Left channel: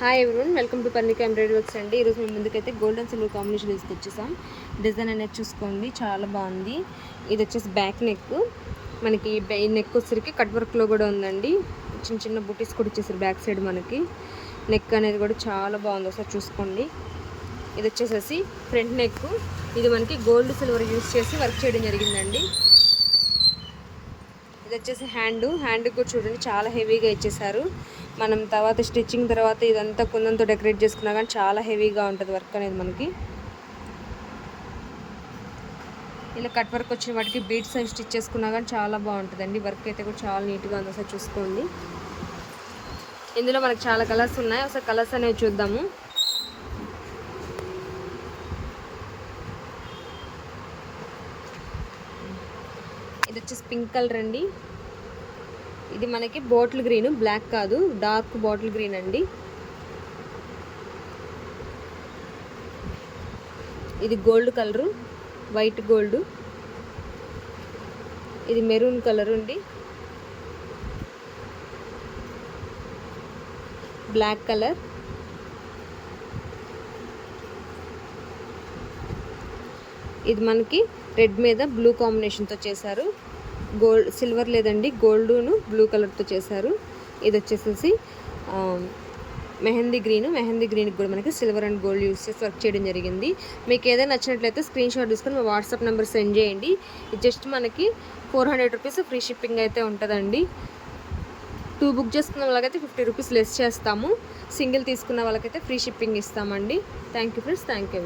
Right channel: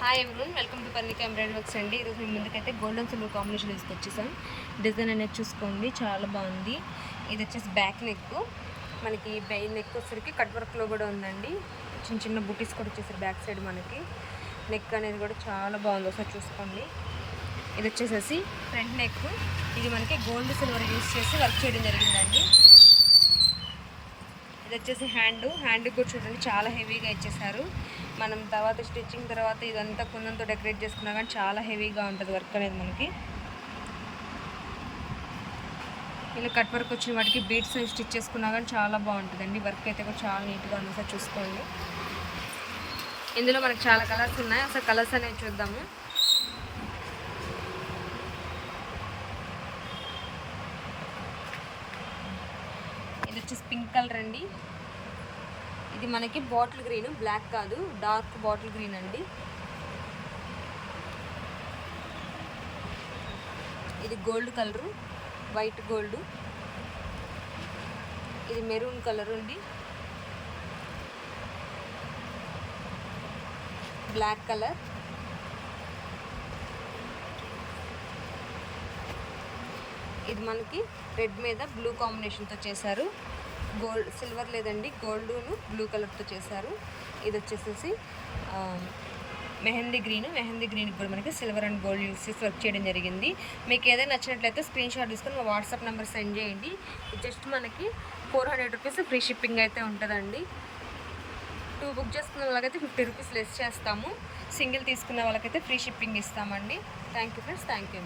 Hi everyone, welcome to Parnika embroidery works అండి. ఈరోజు మేము ముందుకైతే గోల్డ్ అండ్ సిల్వర్ కాంబినేషన్ తీసుకొచ్చేసాం. డిజైన్ అనేది చూసుకోండి, చాలా బాగుంది. ఇది వచ్చేసి బ్యాక్ నెక్. మనకి నెక్ వచ్చరికి కట్ వర్క్లో కూడా ఉందండి. చిన్న చిన్న బుటీస్ కూడా ఇచ్చేసారు బ్యాక్ సైడ్. మనకి నెక్ అనేది కూడా చాలా బాగుంది, ఒకసారి చూసుకోండి. ఇది వచ్చేసేసి ఫ్రంట్ నెక్. ఇది మనకి గోల్డ్ సిల్వర్ యూస్ చేసి వర్క్ చేయడం జరిగిందండి. ఇది వచ్చేసి హ్యాండ్ కూడా చూడండి, చాలా హెవీగా ఇచ్చేసారు. మనం తర్వాత స్టిచ్చింగ్ తర్వాత ఇదంతా కుందంతో డెకరేట్ చేసుకున్నా కానీ చాలా హెవీగా ఉంటుంది వర్క్ అనేది. మనకి ఇలా కట్ వర్క్ వచ్చిన వాటికి బీట్స్ అవి స్టిచ్ చేసుకున్నా కానీ చాలా బాగుంటుందండి. వర్క్ అయితే కూడా చాలా నీట్గా ఉంది, ఒకసారి చూసుకోండి. ఇందులో మనకి చాలా కలర్స్ ఉన్నాయి, ఒకసారి కలర్స్ అనేవి చూద్దాము. ఇది వచ్చేసి పింక్ కలర్ అండి. ఇది మనకి బాటిల్ గ్రీన్, బ్లాక్ కాదు, డార్క్ బాటిల్ గ్రీన్ అండి. ఇది గోల్డ్ కలరు, వైట్ గోల్డ్. ఇది మెరూన్ కలర్ అండి, బ్లాక్ కలర్. ఇది మనకి రెడ్ మీద బ్లూ కాంబినేషన్తో చేశారు. గోల్డ్ సిల్వర్ లేదండి, గోల్డ్ను బ్లూ కలర్తో చేశారు. ఇది వచ్చేసేసి మెహందీ గ్రీన్కి కూడా మనకి సిల్వర్ అండ్ గోల్డ్ యూస్ చేసి వర్క్ చేయడం జరిగింది. మీకు ఏదైనా నచ్చినట్లయితే స్క్రీన్ షాట్ తీసుకొని మా వాట్సాప్ నెంబర్ సెండ్ చేయండి. ఇది జస్ట్ మనకి 400 రూపీస్ ఫ్రీ షిప్పింగ్ అయితే ఉంటుందండి. 2 బుక్ చేసుకున్న వాళ్ళకైతే 50 రూపీస్ లెస్ చేస్తాము. సింగిల్ తీసుకున్న వాళ్ళకైతే ఫ్రీ షిప్పింగ్ ఇస్తామండి. Thank you friends, thank you.